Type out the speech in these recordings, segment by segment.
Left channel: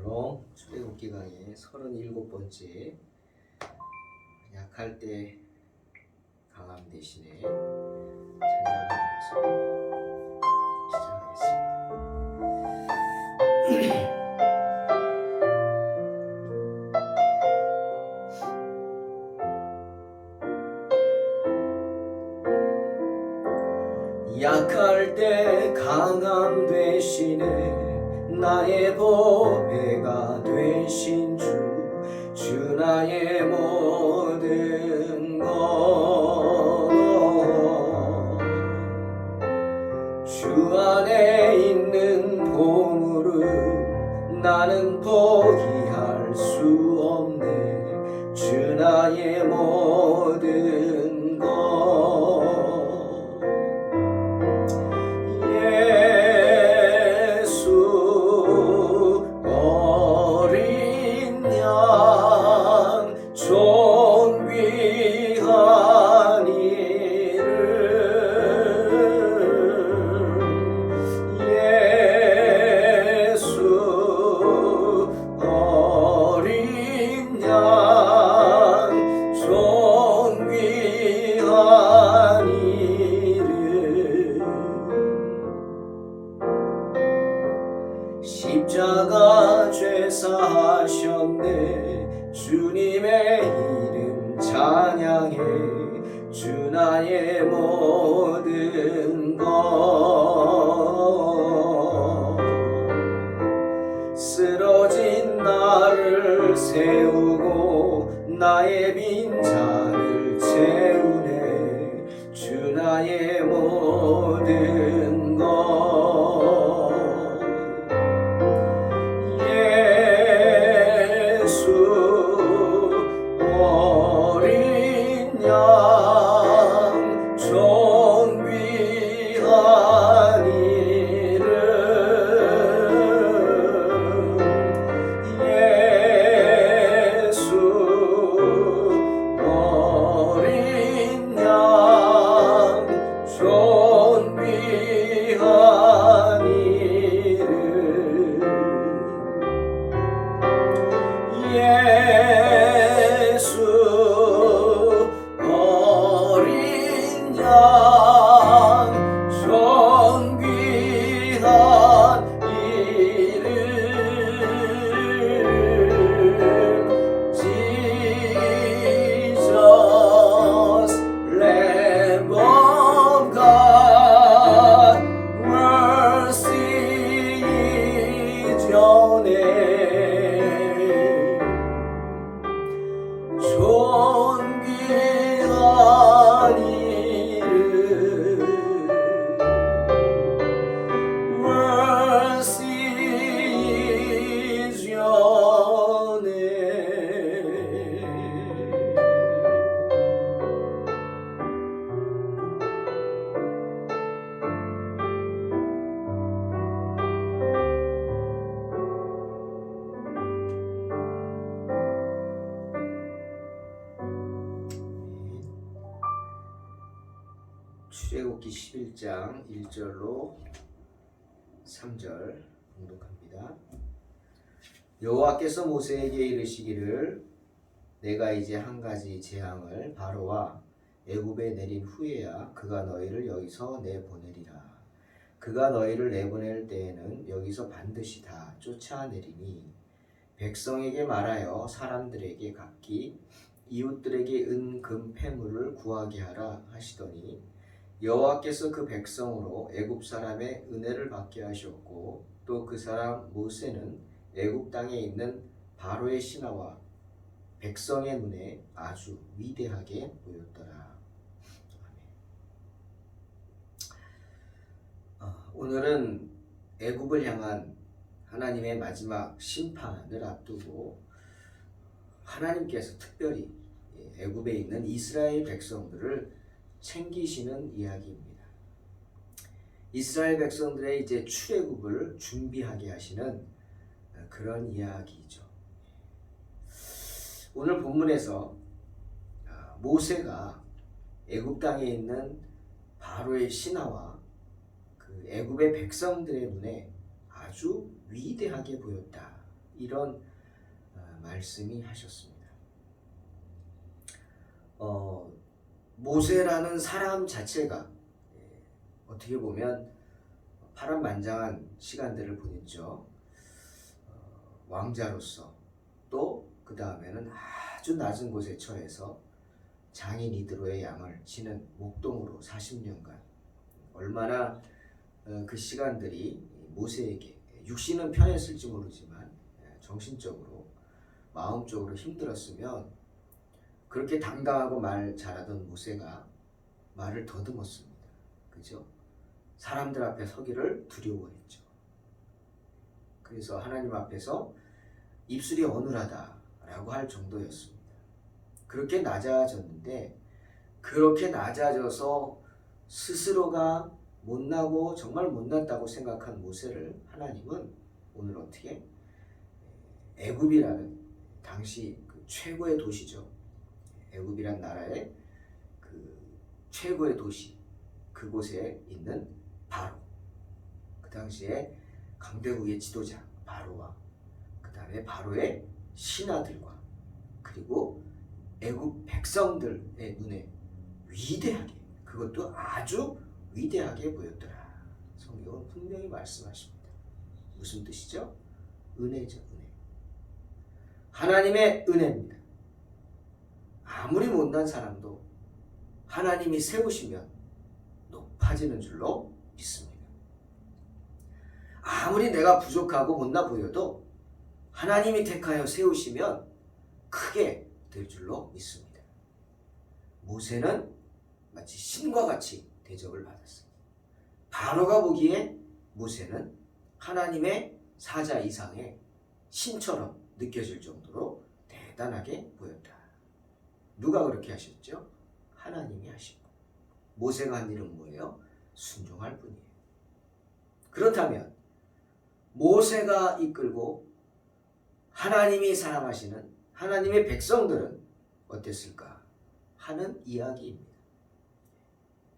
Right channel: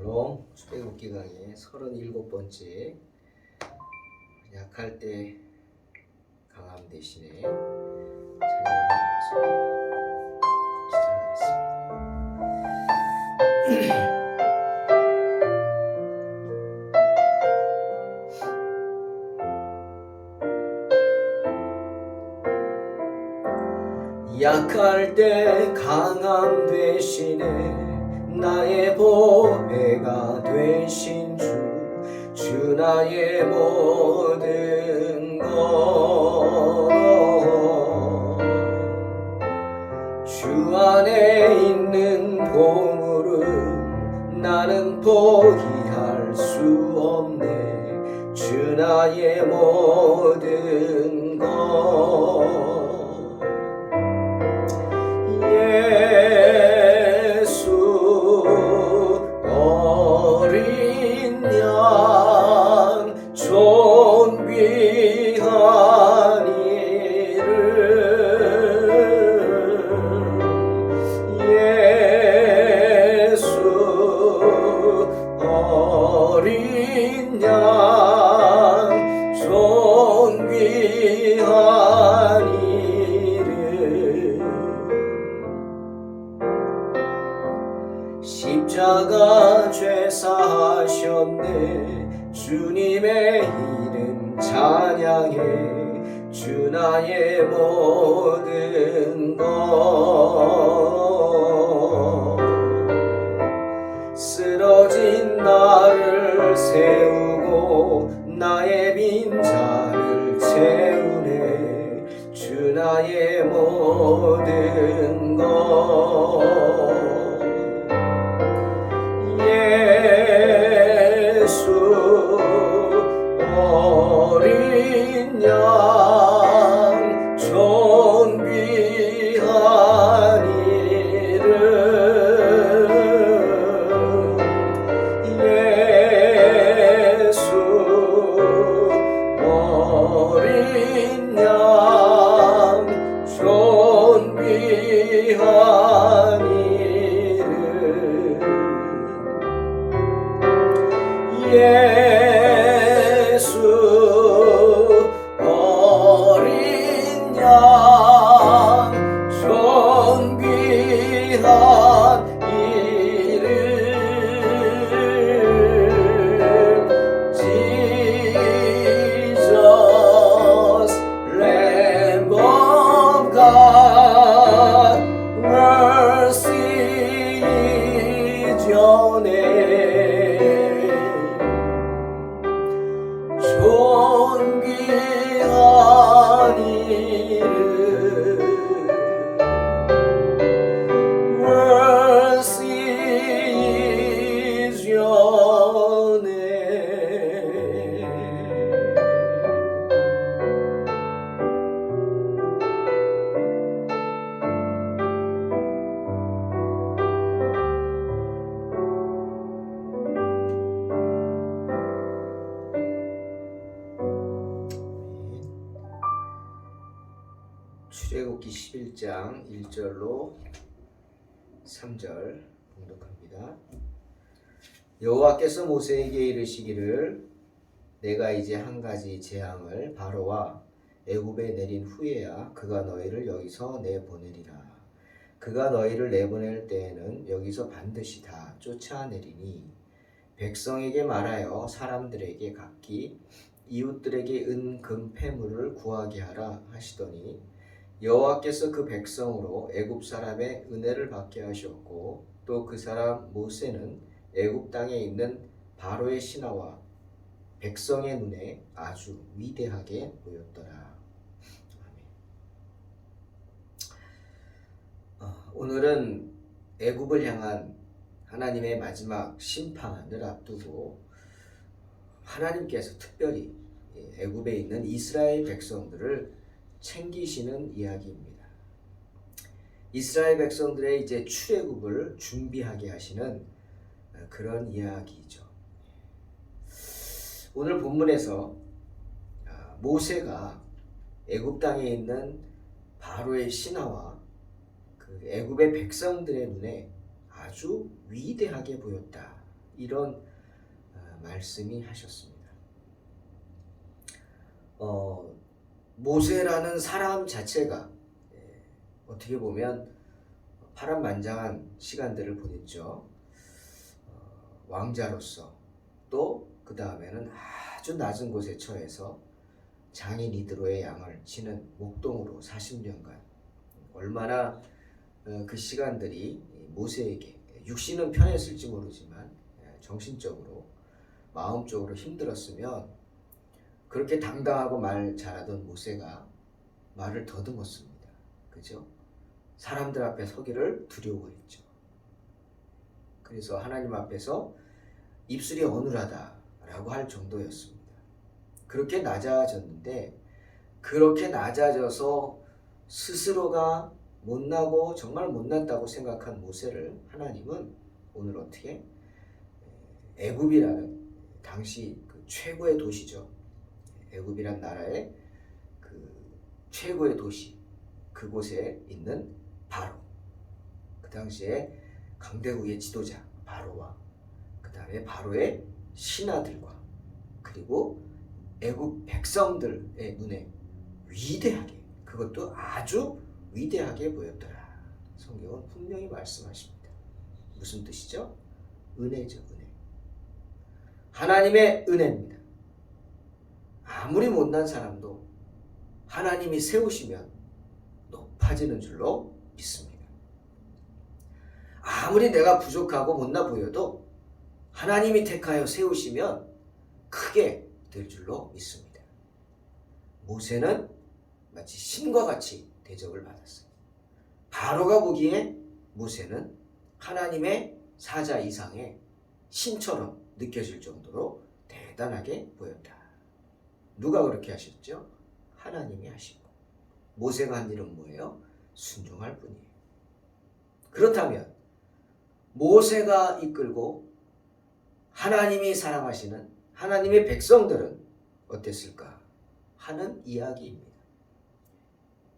샬롬 출애굽기 강의 37번째 약할 때 강함 대신에 찬양하면서 시작하겠습니다. 약할 때 강함 되시네 나의 보배가 되신 주 나의 모든 것 주 안에 있는 보물을 나는 포기할 수 없네 주 나의 모든 것 어린 양 존귀한 이름 예수 어린 양 존귀한 이름 십자가 죄사하셨네 주님의 이름 찬양해 주 나의 모든 것 쓰러진 나를 세우고 나의 빈잔을 채우네 주 나의 모든 것 어린 양 존귀한 이름 예수 어린 양 존귀한 이름 예수 어린 양 존귀한 이름 Jesus Lamb of God mercy is your name 존귀한 이름 mercy is your name 출애굽기 11장 1절로 3절 봉독합니다. 여호와께서 모세에게 이르시기를 내가 이제 한 가지 재앙을 바로와 애굽에 내린 후에야 그가 너희를 여기서 내보내리라. 그가 너희를 내보낼 때에는 여기서 반드시 다 쫓아내리니 백성에게 말하여 사람들에게 각기 이웃들에게 은, 금, 패물을 구하게 하라 하시더니 여호와께서 그 백성으로 애굽 사람의 은혜를 받게 하셨고 또 그 사람 모세는 애굽 땅에 있는 바로의 신하와 백성의 눈에 아주 위대하게 보였더라. 오늘은 애굽을 향한 하나님의 마지막 심판을 앞두고 하나님께서 특별히 애굽에 있는 이스라엘 백성들을 챙기시는 이야기입니다. 이스라엘 백성들의 이제 출애굽을 준비하게 하시는 그런 이야기죠. 오늘 본문에서 모세가 애굽 땅에 있는 바로의 신하와 그 애굽의 백성들의 눈에 아주 위대하게 보였다. 이런 말씀이 하셨습니다. 모세라는 사람 자체가 어떻게 보면 파란만장한 시간들을 보냈죠. 왕자로서 또 그 다음에는 아주 낮은 곳에 처해서 장인 이드로의 양을 치는 목동으로 40년간 얼마나 그 시간들이 모세에게 육신은 편했을지 모르지만 정신적으로 마음적으로 힘들었으면 그렇게 당당하고 말 잘하던 모세가 말을 더듬었습니다. 그죠? 사람들 앞에 서기를 두려워했죠. 그래서 하나님 앞에서 입술이 어눌하다라고 할 정도였습니다. 그렇게 낮아졌는데 그렇게 낮아져서 스스로가 못나고 정말 못났다고 생각한 모세를 하나님은 오늘 어떻게 애굽이라는 당시 그 최고의 도시죠. 애굽이란 나라의 그 최고의 도시 그곳에 있는 바로 그 당시에 강대국의 지도자 바로와 그 다음에 바로의 신하들과 그리고 애굽 백성들의 눈에 위대하게 그것도 아주 위대하게 보였더라. 성경은 분명히 말씀하십니다. 무슨 뜻이죠? 은혜죠. 은혜. 하나님의 은혜입니다. 아무리 못난 사람도 하나님이 세우시면 높아지는 줄로 믿습니다. 아무리 내가 부족하고 못나 보여도 하나님이 택하여 세우시면 크게 될 줄로 믿습니다. 모세는 마치 신과 같이 대접을 받았어요. 바로가 보기에 모세는 하나님의 사자 이상의 신처럼 느껴질 정도로 대단하게 보였다. 누가 그렇게 하셨죠? 하나님이 하시고 모세가 한 일은 뭐예요? 순종할 뿐이에요. 그렇다면 모세가 이끌고 하나님이 사랑하시는 하나님의 백성들은 어땠을까 하는 이야기입니다.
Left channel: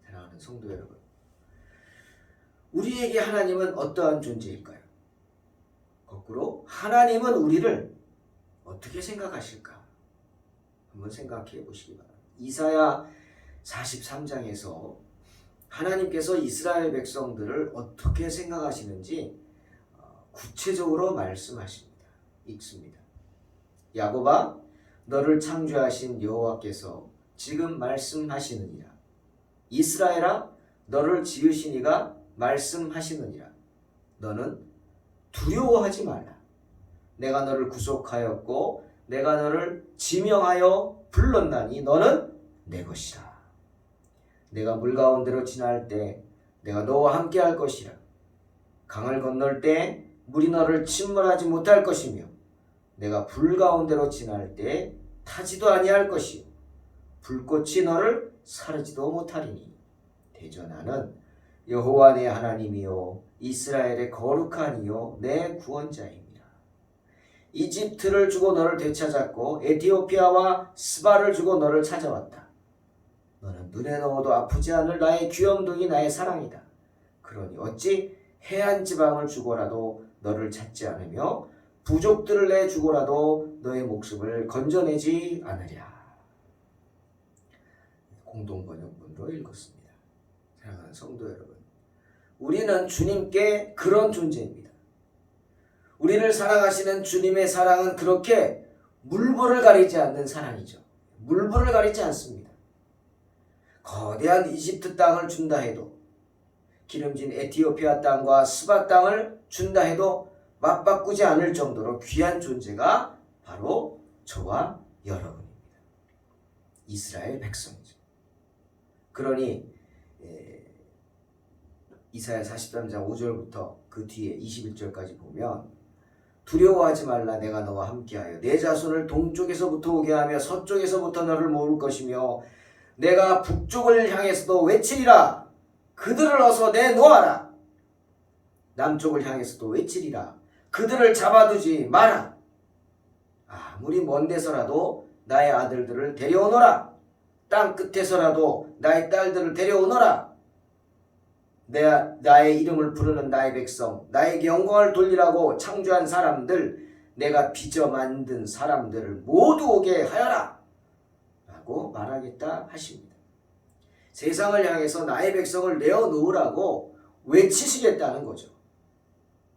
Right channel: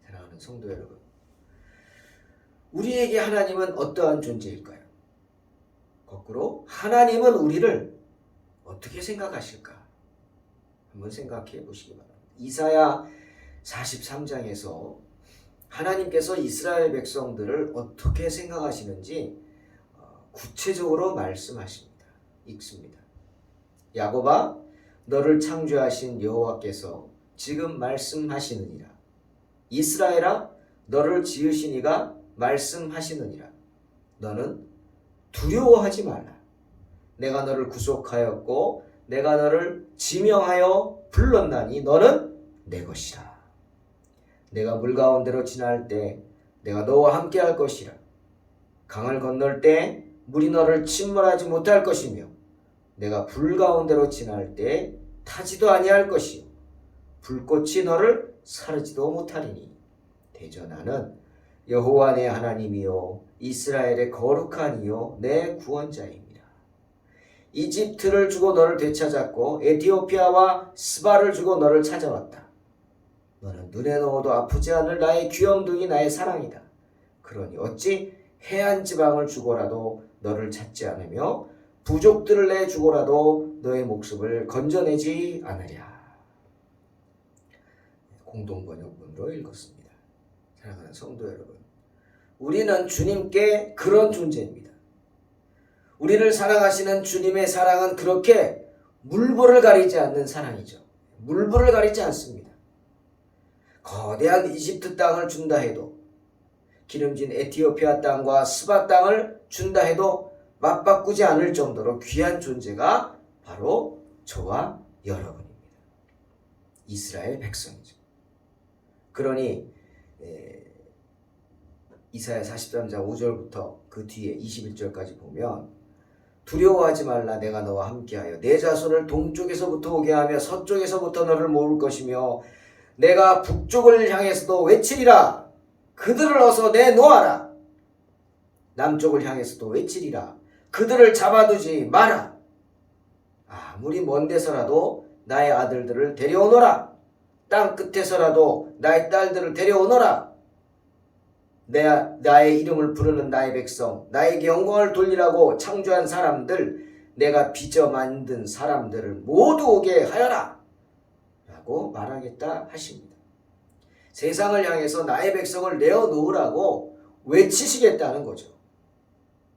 사랑하는 성도 여러분, 우리에게 하나님은 어떠한 존재일까요? 거꾸로 하나님은 우리를 어떻게 생각하실까? 한번 생각해 보시기 바랍니다. 이사야 43장에서 하나님께서 이스라엘 백성들을 어떻게 생각하시는지 구체적으로 말씀하십니다. 읽습니다. 야곱아, 너를 창조하신 여호와께서 지금 말씀하시느니라. 이스라엘아, 너를 지으신 이가 말씀하시느니라. 너는 두려워하지 말라. 내가 너를 구속하였고 내가 너를 지명하여 불렀나니 너는 내 것이라. 내가 물 가운데로 지날 때 내가 너와 함께 할 것이라. 강을 건널 때 물이 너를 침몰하지 못할 것이며 내가 불 가운데로 지날 때 타지도 아니할 것이요 불꽃이 너를 사르지도 못하리니 대저 나는 여호와 내 하나님이요 이스라엘의 거룩한 이요 내 구원자입니다. 이집트를 주고 너를 되찾았고 에티오피아와 스바를 주고 너를 찾아왔다. 너는 눈에 넣어도 아프지 않을 나의 귀염둥이 나의 사랑이다. 그러니 어찌 해안 지방을 주고라도 너를 찾지 않으며 부족들을 내주고라도 너의 목숨을 건져내지 않으랴. 공동번역본으로 읽었습니다. 사랑하는 성도 여러분, 우리는 주님께 그런 존재입니다. 우리를 사랑하시는 주님의 사랑은 그렇게 물불을 가리지 않는 사랑이죠. 물불을 가리지 않습니다. 거대한 이집트 땅을 준다 해도 기름진 에티오피아 땅과 스바 땅을 준다 해도 맞바꾸지 않을 정도로 귀한 존재가 바로 저와 여러분입니다. 이스라엘 백성이죠. 그러니 이사야 43장 5절부터 그 뒤에 21절까지 보면 두려워하지 말라. 내가 너와 함께하여 내 자손을 동쪽에서부터 오게 하며 서쪽에서부터 너를 모을 것이며 내가 북쪽을 향해서도 외치리라. 그들을 어서 내놓아라. 남쪽을 향해서도 외치리라. 그들을 잡아두지 마라. 아무리 먼 데서라도 나의 아들들을 데려오너라. 땅 끝에서라도 나의 딸들을 데려오너라. 나의 이름을 부르는 나의 백성, 나에게 영광을 돌리라고 창조한 사람들, 내가 빚어 만든 사람들을 모두 오게 하여라 라고 말하겠다 하십니다. 세상을 향해서 나의 백성을 내어놓으라고 외치시겠다는 거죠.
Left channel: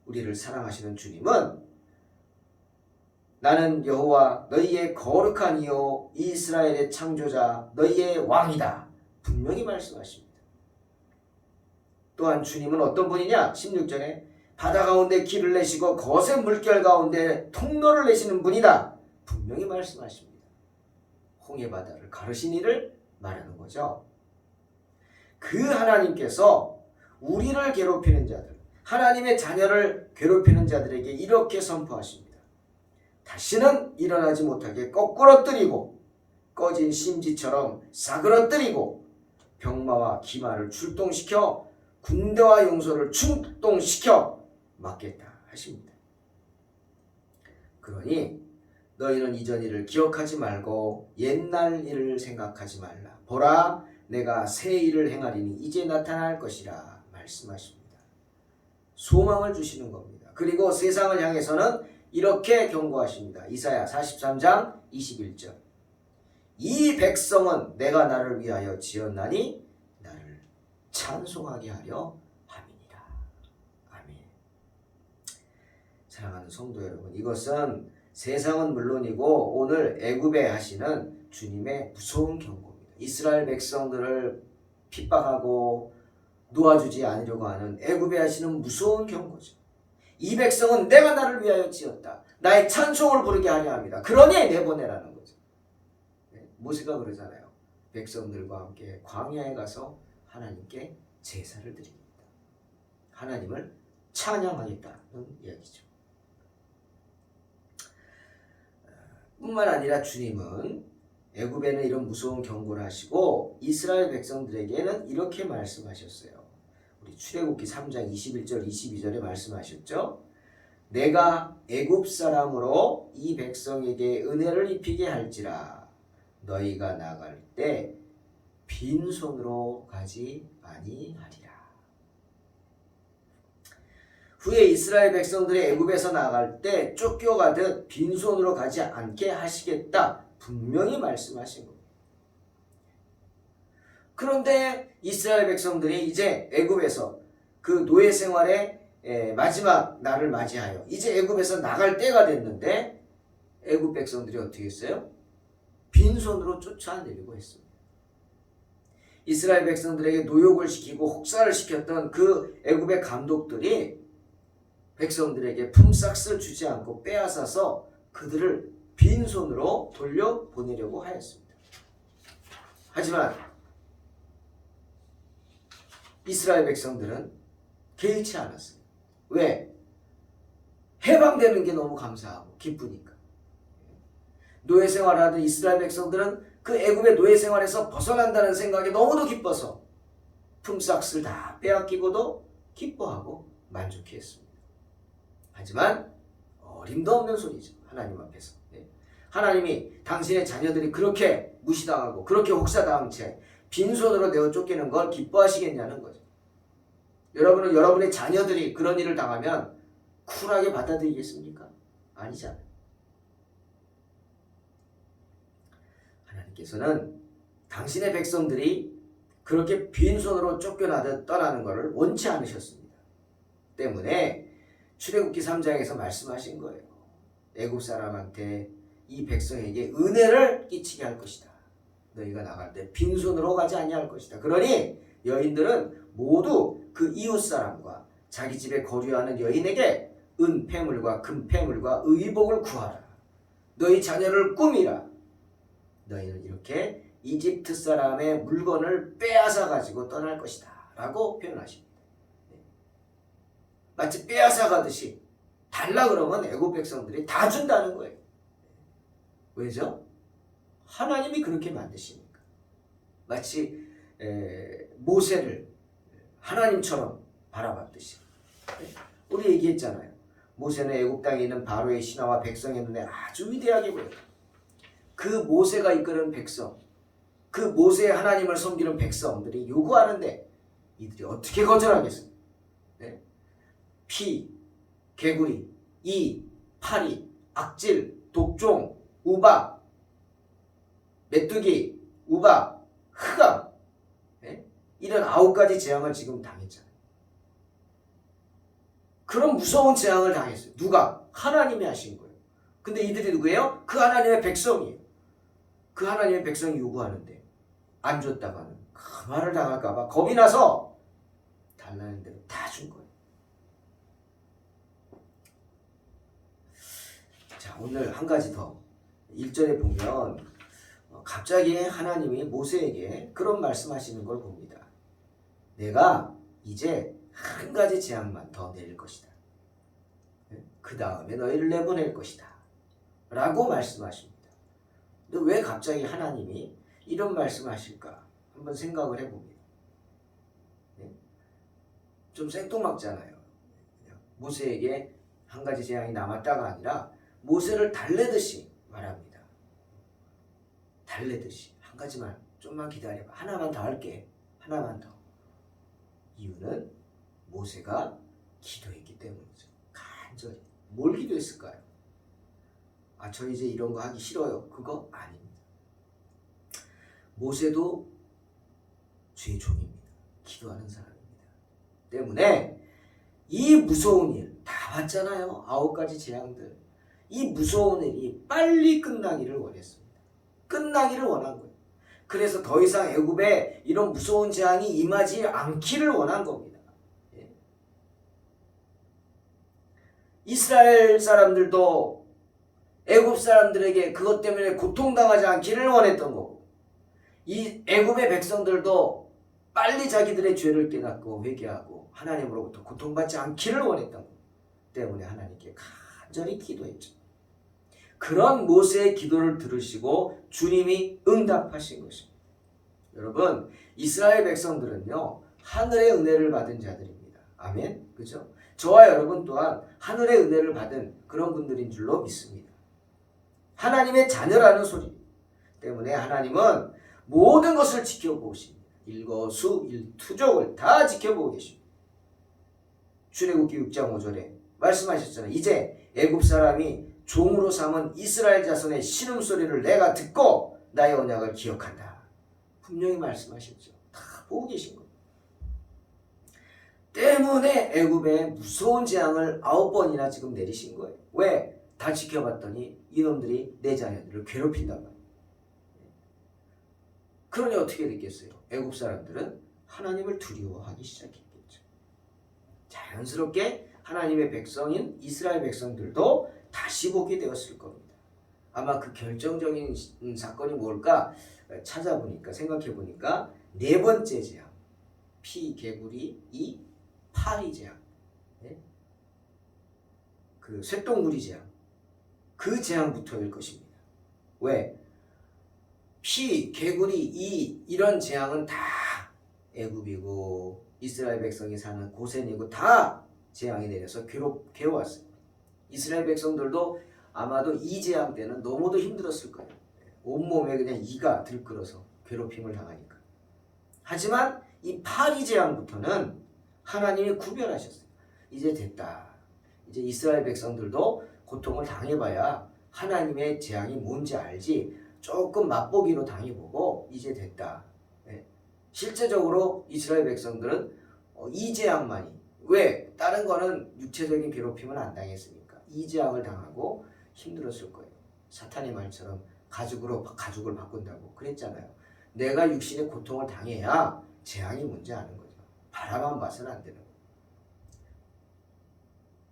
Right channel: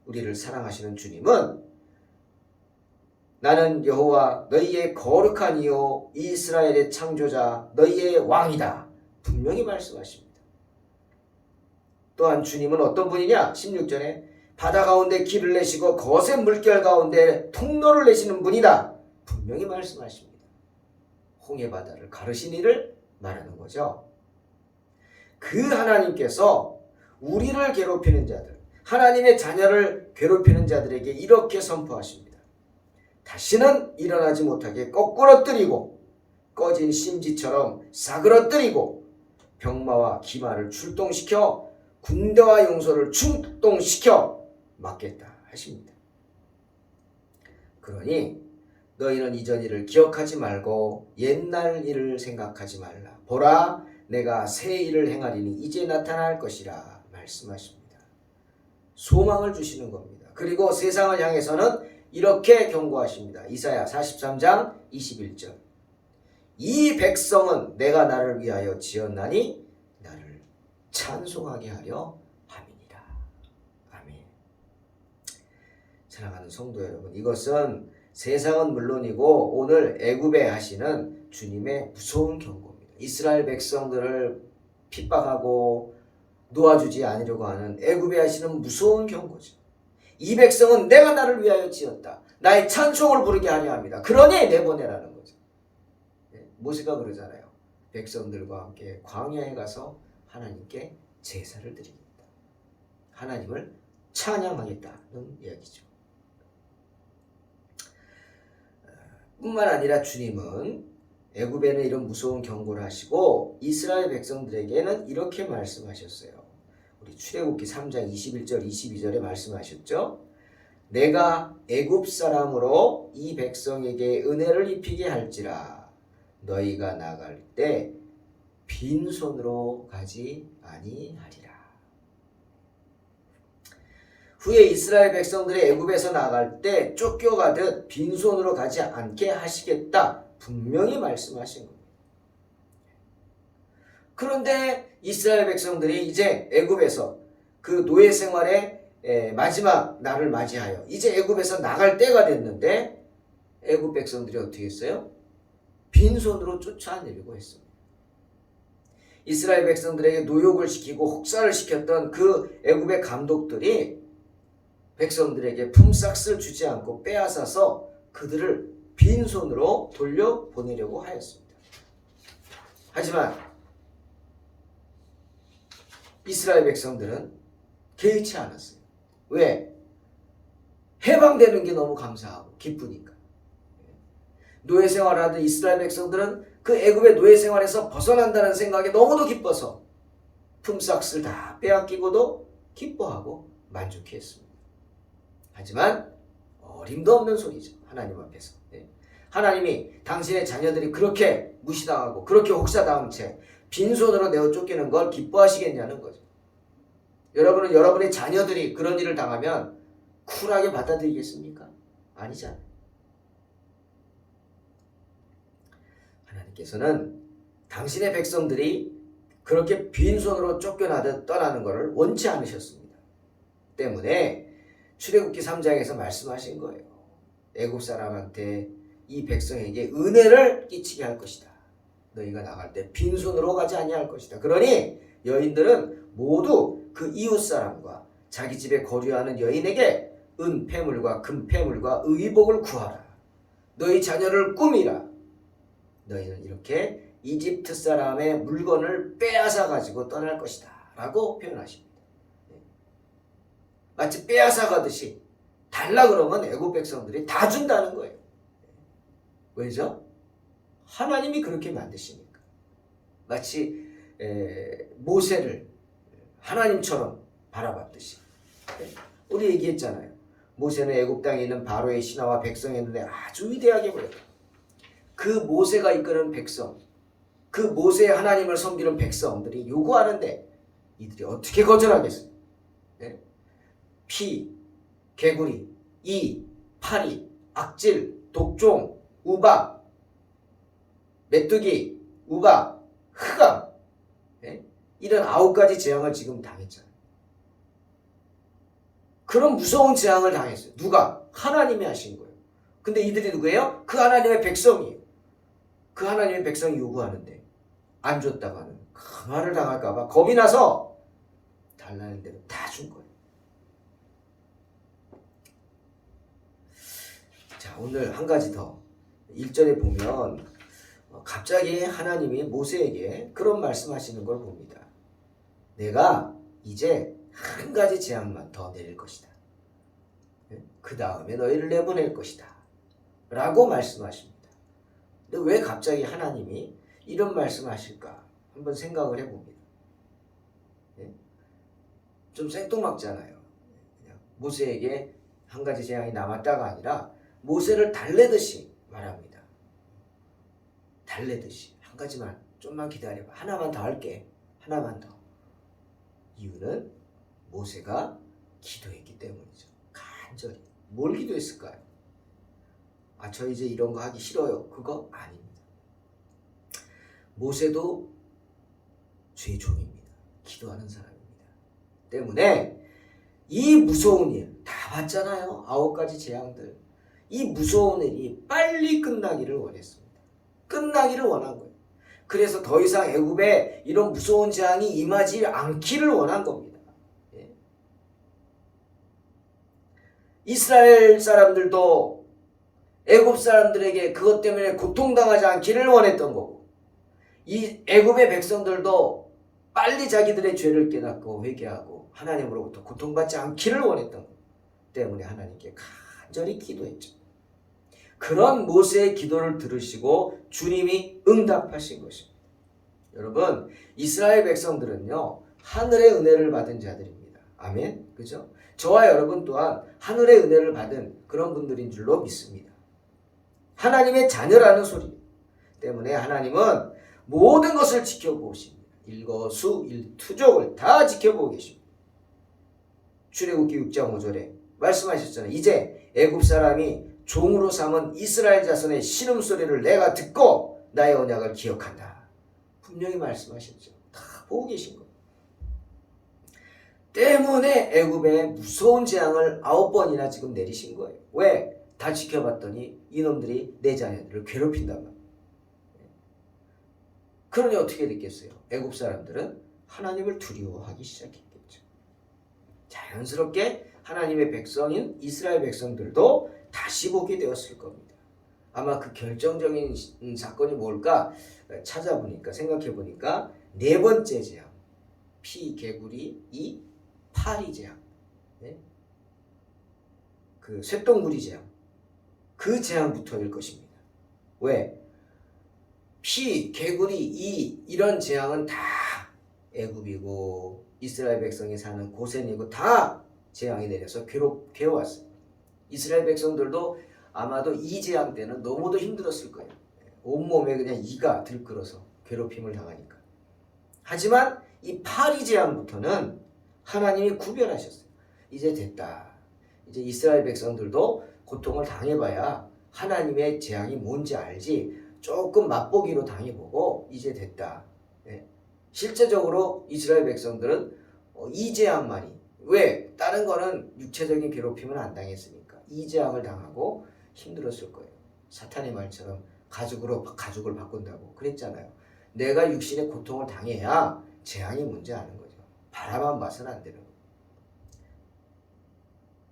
우리를 사랑하시는 주님은 나는 여호와 너희의 거룩한 이요 이스라엘의 창조자 너희의 왕이다 분명히 말씀하십니다. 또한 주님은 어떤 분이냐? 16절에 바다 가운데 길을 내시고 거센 물결 가운데 통로를 내시는 분이다 분명히 말씀하십니다. 홍해 바다를 가르신 이를 말하는 거죠. 그 하나님께서 우리를 괴롭히는 자들, 하나님의 자녀를 괴롭히는 자들에게 이렇게 선포하십니다. 다시는 일어나지 못하게 거꾸러뜨리고 꺼진 심지처럼 사그러뜨리고 병마와 기마를 출동시켜 군대와 용소를 출동시켜 막겠다 하십니다. 그러니 너희는 이전 일을 기억하지 말고 옛날 일을 생각하지 말라. 보라 내가 새 일을 행하리니 이제 나타날 것이라 말씀하십니다. 소망을 주시는 겁니다. 그리고 세상을 향해서는 이렇게 경고하십니다. 이사야 43장 21절 이 백성은 내가 나를 위하여 지었나니 나를 찬송하게 하려 함이니라. 아멘. 사랑하는 성도 여러분, 이것은 세상은 물론이고 오늘 애굽에 하시는 주님의 무서운 경고입니다. 이스라엘 백성들을 핍박하고 놓아주지 않으려고 하는 애굽에 하시는 무서운 경고죠. 이 백성은 내가 나를 위하여 지었다. 나의 찬송을 부르게 하려 합니다. 그러니 내보내라는 거죠. 모세가 그러잖아요. 백성들과 함께 광야에 가서 하나님께 제사를 드리겠다. 하나님을 찬양하겠다는 이야기죠. 뿐만 아니라 주님은 애굽에는 이런 무서운 경고를 하시고 이스라엘 백성들에게는 이렇게 말씀하셨어요. 우리 출애굽기 3장 21절 22절에 말씀하셨죠. 내가 애굽 사람으로 이 백성에게 은혜를 입히게 할지라 너희가 나갈 때 빈손으로 가지 아니하리라. 후에 이스라엘 백성들이 애굽에서 나갈 때 쫓겨가듯 빈손으로 가지 않게 하시겠다 분명히 말씀하신 겁니다. 그런데 이스라엘 백성들이 이제 애굽에서 그 노예 생활의 마지막 날을 맞이하여 이제 애굽에서 나갈 때가 됐는데 애굽 백성들이 어떻게 했어요? 빈손으로 쫓아내려고 했습니다. 이스라엘 백성들에게 노역을 시키고 혹사를 시켰던 그 애굽의 감독들이 백성들에게 품삯을 주지 않고 빼앗아서 그들을 빈손으로 돌려보내려고 하였습니다. 하지만 이스라엘 백성들은 개의치 않았어요. 왜? 해방되는 게 너무 감사하고 기쁘니까. 노예 생활을 하던 이스라엘 백성들은 그 애굽의 노예 생활에서 벗어난다는 생각에 너무도 기뻐서 품삯을 다 빼앗기고도 기뻐하고 만족했습니다. 하지만 어림도 없는 소리죠. 하나님 앞에서. 하나님이 당신의 자녀들이 그렇게 무시당하고 그렇게 혹사당한 채 빈손으로 내어 쫓기는 걸 기뻐하시겠냐는 거죠. 여러분은 여러분의 자녀들이 그런 일을 당하면 쿨하게 받아들이겠습니까? 아니잖아요. 하나님께서는 당신의 백성들이 그렇게 빈손으로 쫓겨나듯 떠나는 것을 원치 않으셨습니다. 때문에 출애굽기 3장에서 말씀하신 거예요. 애굽 사람한테 이 백성에게 은혜를 끼치게 할 것이다. 너희가 나갈 때 빈손으로 가지 아니할 것이다. 그러니 여인들은 모두 그 이웃 사람과 자기 집에 거류하는 여인에게 은폐물과 금폐물과 의복을 구하라. 너희 자녀를 꾸미라. 너희는 이렇게 이집트 사람의 물건을 빼앗아 가지고 떠날 것이다 라고 표현하십니다. 마치 빼앗아 가듯이 달라 그러면 애굽 백성들이 다 준다는 거예요. 왜죠? 하나님이 그렇게 만드시니까. 마치 모세를 하나님처럼 바라봤듯이. 우리 얘기했잖아요. 모세는 애굽 땅에 있는 바로의 신하와 백성의 눈에 아주 위대하게 보였다. 그 모세가 이끄는 백성, 그 모세의 하나님을 섬기는 백성들이 요구하는데 이들이 어떻게 거절하겠어요? 피, 개구리, 이, 파리 악질, 독종, 우박, 메뚜기, 우박, 흑암, 이런 9가지 재앙을 지금 당했잖아요. 그런 무서운 재앙을 당했어요. 누가? 하나님이 하신 거예요. 근데 이들이 누구예요? 그 하나님의 백성이에요. 그 하나님의 백성이 요구하는데 안 줬다가는 그 말을 당할까봐 겁이 나서 달라는 대로 다 준 거예요. 자, 오늘 한 가지 더 1절에 보면 갑자기 하나님이 모세에게 그런 말씀하시는 걸 봅니다. 내가 이제 한 가지 재앙만 더 내릴 것이다. 그 다음에 너희를 내보낼 것이다. 라고 말씀하십니다. 근데 왜 갑자기 하나님이 이런 말씀을 하실까? 한번 생각을 해봅니다. 좀 생뚱맞잖아요. 그냥 모세에게 한 가지 재앙이 남았다가 아니라 모세를 달래듯이 말합니다. 달래듯이 한 가지만 좀만 기다려봐. 하나만 더 할게. 하나만 더. 이유는 모세가 기도했기 때문이죠. 간절히. 뭘 기도했을까요? 아, 저 이제 이런 거 하기 싫어요. 그거 아닙니다. 모세도 주의 종입니다. 기도하는 사람입니다. 때문에 이 무서운 일 다 봤잖아요. 9가지 재앙들. 이 무서운 일이 빨리 끝나기를 원했습니다. 끝나기를 원한 거예요. 그래서 더 이상 애굽에 이런 무서운 재앙이 임하지 않기를 원한 겁니다. 이스라엘 사람들도 애굽 사람들에게 그것 때문에 고통당하지 않기를 원했던 거고, 이 애굽의 백성들도 빨리 자기들의 죄를 깨닫고 회개하고 하나님으로부터 고통받지 않기를 원했던 것 때문에 하나님께 간절히 기도했죠. 그런 모세의 기도를 들으시고 주님이 응답하신 것입니다. 여러분, 이스라엘 백성들은요, 하늘의 은혜를 받은 자들입니다. 아멘. 그죠? 저와 여러분 또한 하늘의 은혜를 받은 그런 분들인 줄로 믿습니다. 하나님의 자녀라는 소리 때문에 하나님은 모든 것을 지켜보십니다. 일거수일투족을 다 지켜보고 계십니다. 출애굽기 6장 5절에 말씀하셨잖아요. 이제 애굽 사람이 종으로 삼은 이스라엘 자손의 신음소리를 내가 듣고 나의 언약을 기억한다. 분명히 말씀하셨죠. 다 보고 계신 거예요. 때문에 애굽에 무서운 재앙을 9번이나 지금 내리신 거예요. 왜? 다 지켜봤더니 이놈들이 내 자녀들을 괴롭힌단 말이에요. 그러니 어떻게 됐겠어요? 애굽 사람들은 하나님을 두려워하기 시작했겠죠. 자연스럽게 하나님의 백성인 이스라엘 백성들도 다시 보게 되었을 겁니다. 아마 그 결정적인 사건이 뭘까 찾아보니까, 생각해보니까 4번째 재앙, 피, 개구리, 이, 파리 재앙, 그 쇳덩구리 재앙, 그 재앙부터일 것입니다. 왜? 피, 개구리, 이, 이런 재앙은 다 애굽이고 이스라엘 백성이 사는 고센이고 다 재앙이 내려서 괴로웠어요. 이스라엘 백성들도 아마도 이 재앙 때는 너무도 힘들었을 거예요. 온몸에 그냥 이가 들끓어서 괴롭힘을 당하니까. 하지만 이 파리 재앙부터는 하나님이 구별하셨어요. 이제 됐다. 이제 이스라엘 백성들도 고통을 당해봐야 하나님의 재앙이 뭔지 알지, 조금 맛보기로 당해보고 이제 됐다. 실제적으로 이스라엘 백성들은 이 재앙만이, 왜? 다른 거는 육체적인 괴롭힘은 안 당했으니까 이 재앙을 당하고 힘들었을 거예요. 사탄의 말처럼 가죽을 바꾼다고 그랬잖아요. 내가 육신의 고통을 당해야 재앙이 뭔지 아는 거죠. 바라만 봐서는 안 되는 거예요.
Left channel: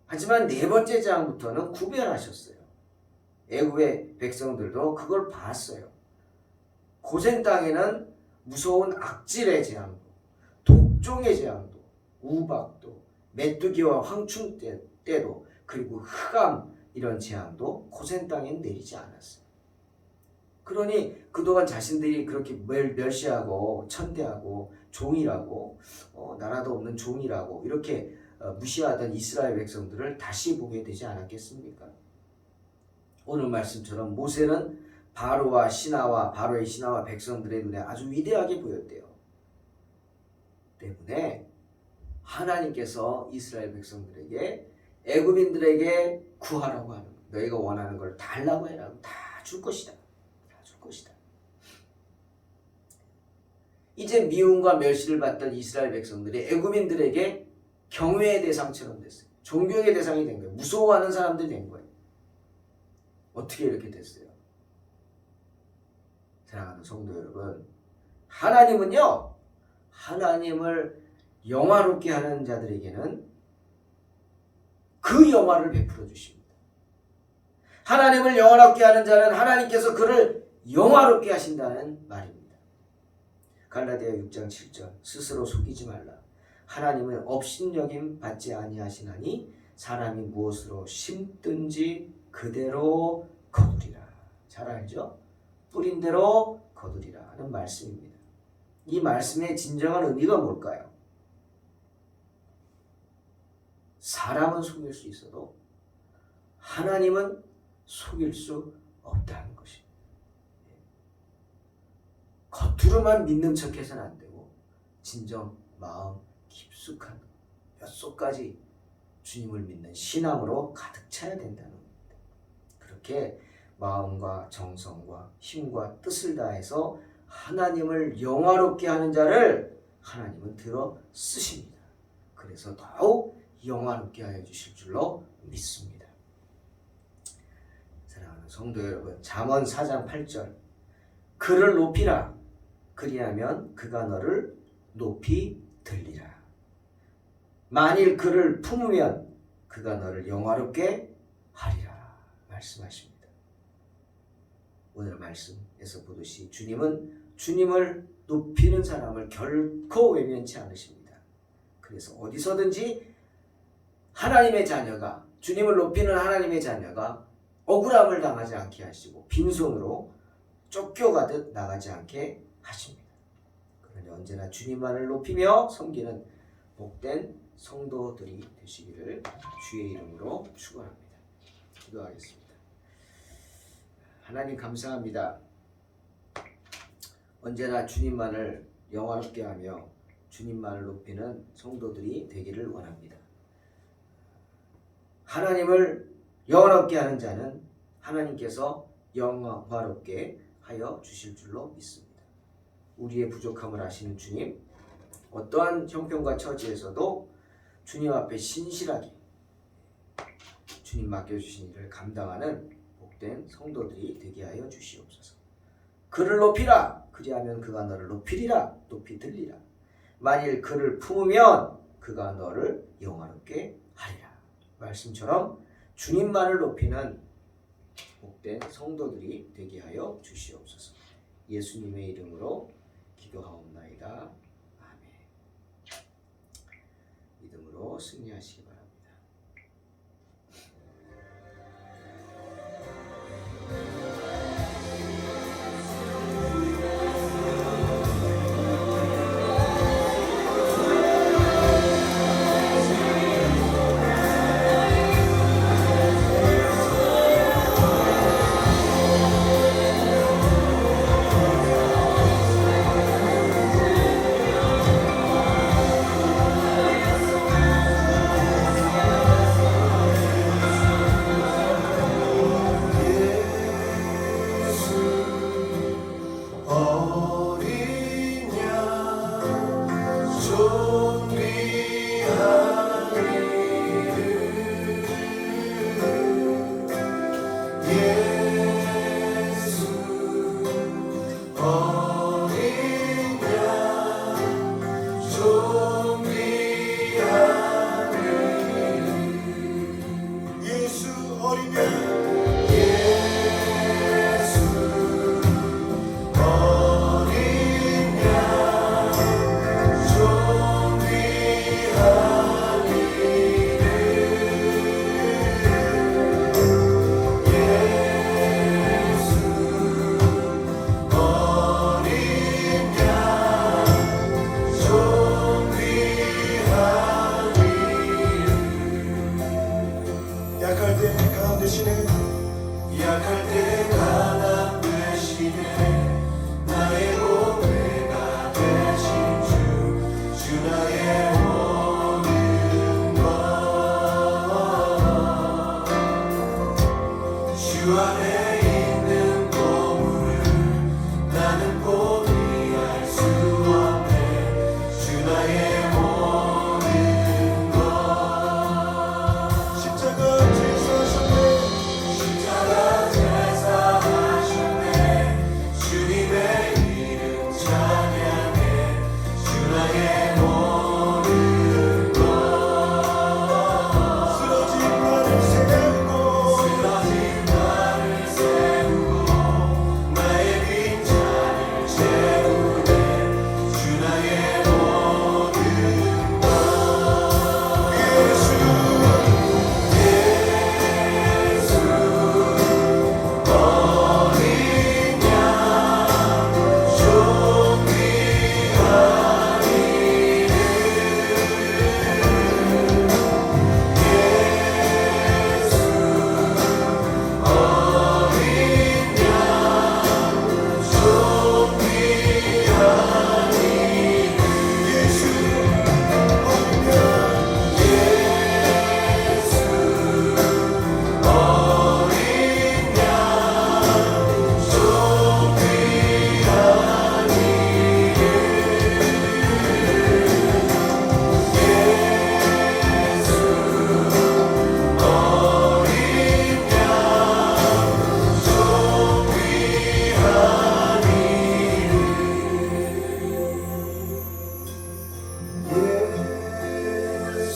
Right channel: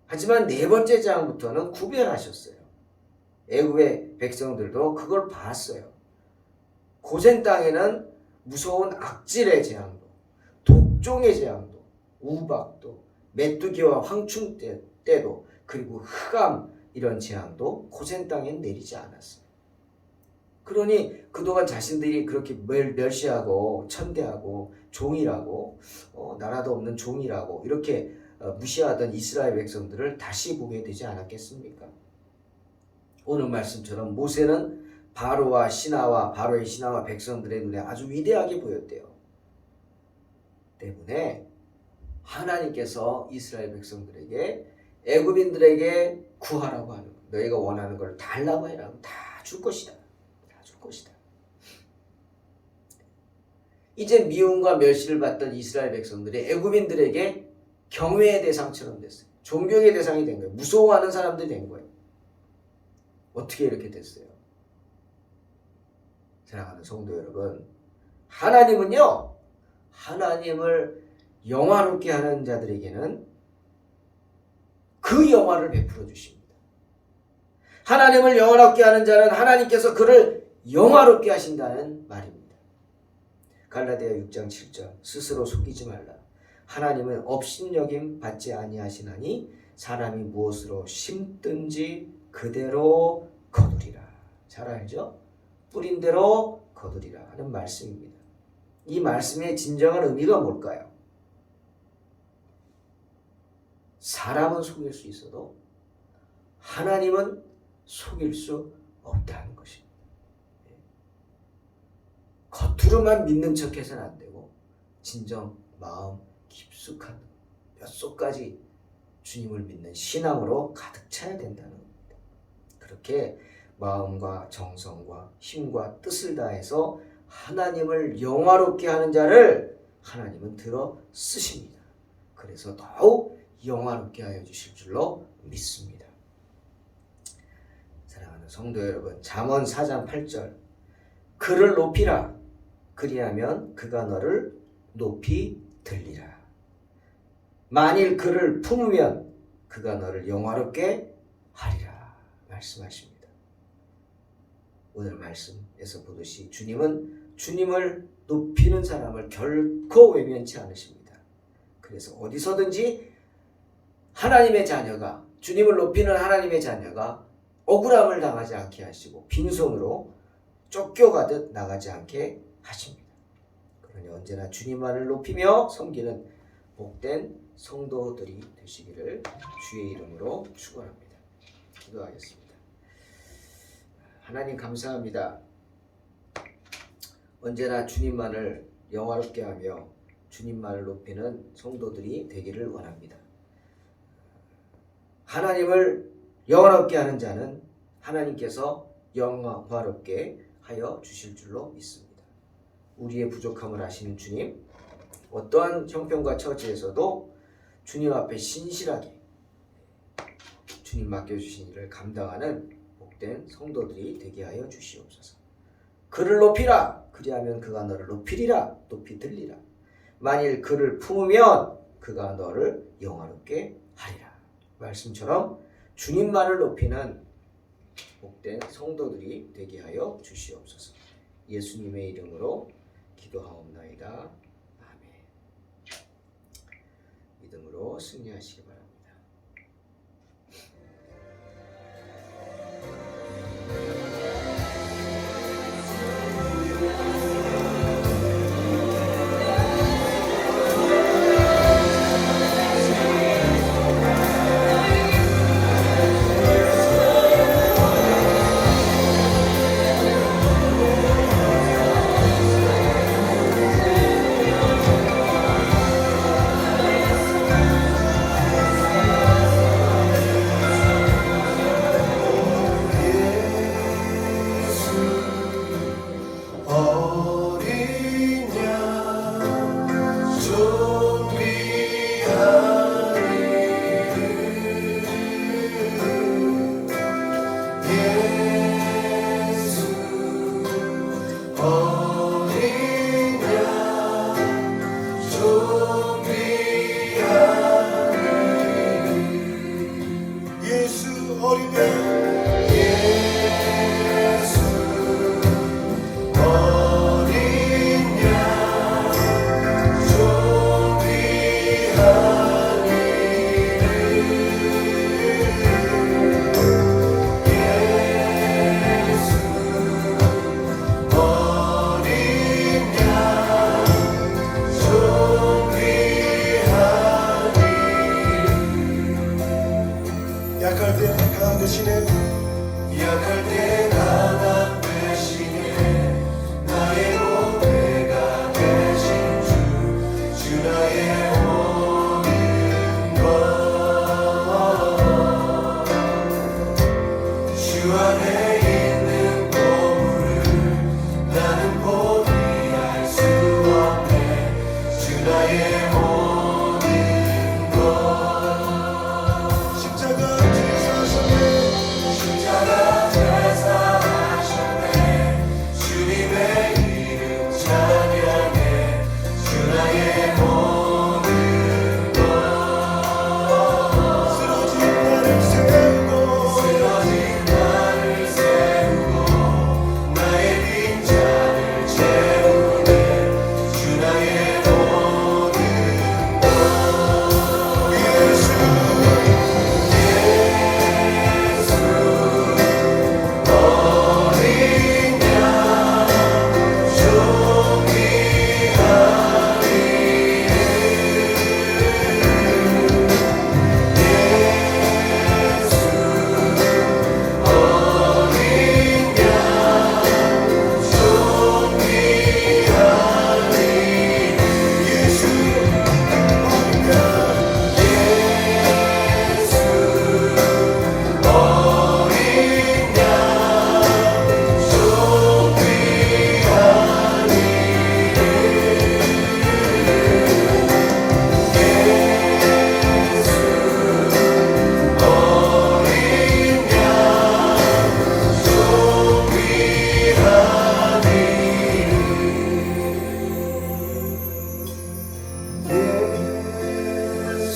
하지만 4번째 재앙부터는 구별하셨어요. 애굽의 백성들도 그걸 봤어요. 고센 땅에는 무서운 악질의 재앙도, 독종의 재앙도, 우박도, 메뚜기와 황충 때도, 그리고 흑암, 이런 재앙도 고센 땅엔 내리지 않았어요. 그러니 그동안 자신들이 그렇게 멸시하고 천대하고 종이라고, 나라도 없는 종이라고 이렇게 무시하던 이스라엘 백성들을 다시 보게 되지 않았겠습니까? 오늘 말씀처럼 모세는 바로의 신하와 백성들의 눈에 아주 위대하게 보였대요. 때문에 하나님께서 이스라엘 백성들에게, 애굽인들에게 구하라고 하는 거예요. 너희가 원하는 걸 달라고 해라. 다 줄 것이다. 다 줄 것이다. 이제 미움과 멸시를 받던 이스라엘 백성들이 애굽인들에게 경외의 대상처럼 됐어요. 존경의 대상이 된 거예요. 무서워하는 사람들이 된 거예요. 어떻게 이렇게 됐어요? 사랑하는 성도 여러분, 하나님은요, 하나님을 영화롭게 하는 자들에게는 그 영화를 베풀어 주십니다. 하나님을 영화롭게 하는 자는 하나님께서 그를 영화롭게 하신다는 말입니다. 갈라디아 6장 7절, 스스로 속이지 말라. 하나님은 업신여김 받지 아니하시나니 사람이 무엇으로 심든지 그대로 거두리라. 잘 알죠? 뿌린 대로 거두리라 하는 말씀입니다. 이 말씀의 진정한 의미가 뭘까요? 사람은 속일 수 있어도 하나님은 속일 수 없다는 것입니다. 겉으로만 믿는 척해서는 안 되고 진정 마음 깊숙한 뼛속까지 주님을 믿는 신앙으로 가득 차야 된다는 겁니다. 그렇게 마음과 정성과 힘과 뜻을 다해서 하나님을 영화롭게 하는 자를 하나님은 들어 쓰십니다. 그래서 더욱 영화롭게 하여 주실 줄로 믿습니다. 사랑하는 성도 여러분, 잠언 4장 8절, 그를 높이라. 그리하면 그가 너를 높이 들리라. 만일 그를 품으면 그가 너를 영화롭게 하리라 말씀하십니다. 오늘 말씀에서 보듯이 주님은 주님을 높이는 사람을 결코 외면치 않으십니다. 그래서 어디서든지 하나님의 자녀가, 주님을 높이는 하나님의 자녀가 억울함을 당하지 않게 하시고 빈손으로 쫓겨가듯 나가지 않게 하십니다. 그러니 언제나 주님만을 높이며 섬기는 복된 성도들이 되시기를 주의 이름으로 축원합니다. 기도하겠습니다. 하나님 감사합니다. 언제나 주님만을 영화롭게 하며 주님만을 높이는 성도들이 되기를 원합니다. 하나님을 영화롭게 하는 자는 하나님께서 영화롭게 하여 주실 줄로 믿습니다. 우리의 부족함을 아시는 주님, 어떠한 형편과 처지에서도 주님 앞에 신실하게 주님 맡겨주신 일을 감당하는 복된 성도들이 되게 하여 주시옵소서. 그를 높이라. 그리하면 그가 너를 높이리라. 높이 들리라. 만일 그를 품으면 그가 너를 영화롭게 하리라. 말씀처럼 주님만을 높이는 복된 성도들이 되게 하여 주시옵소서. 예수님의 이름으로 기도하옵나이다. 아멘. 믿음으로 승리하시기 바랍니다.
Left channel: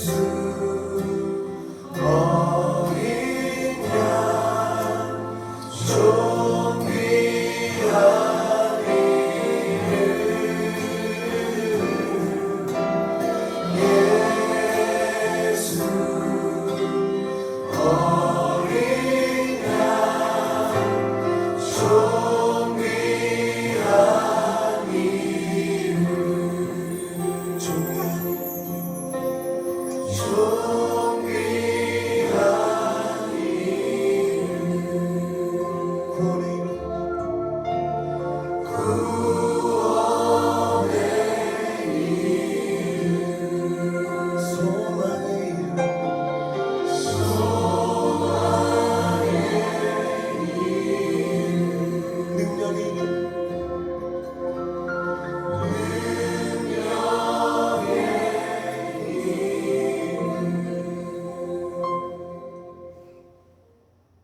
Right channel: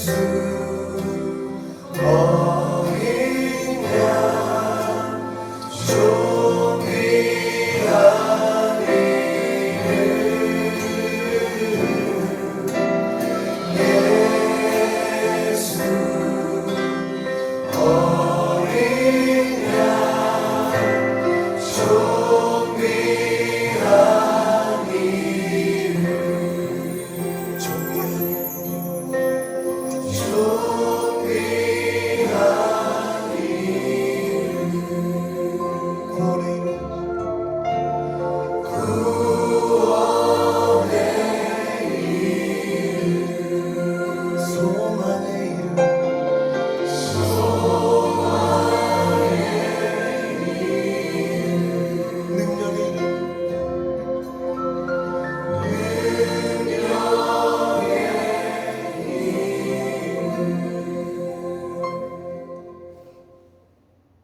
예수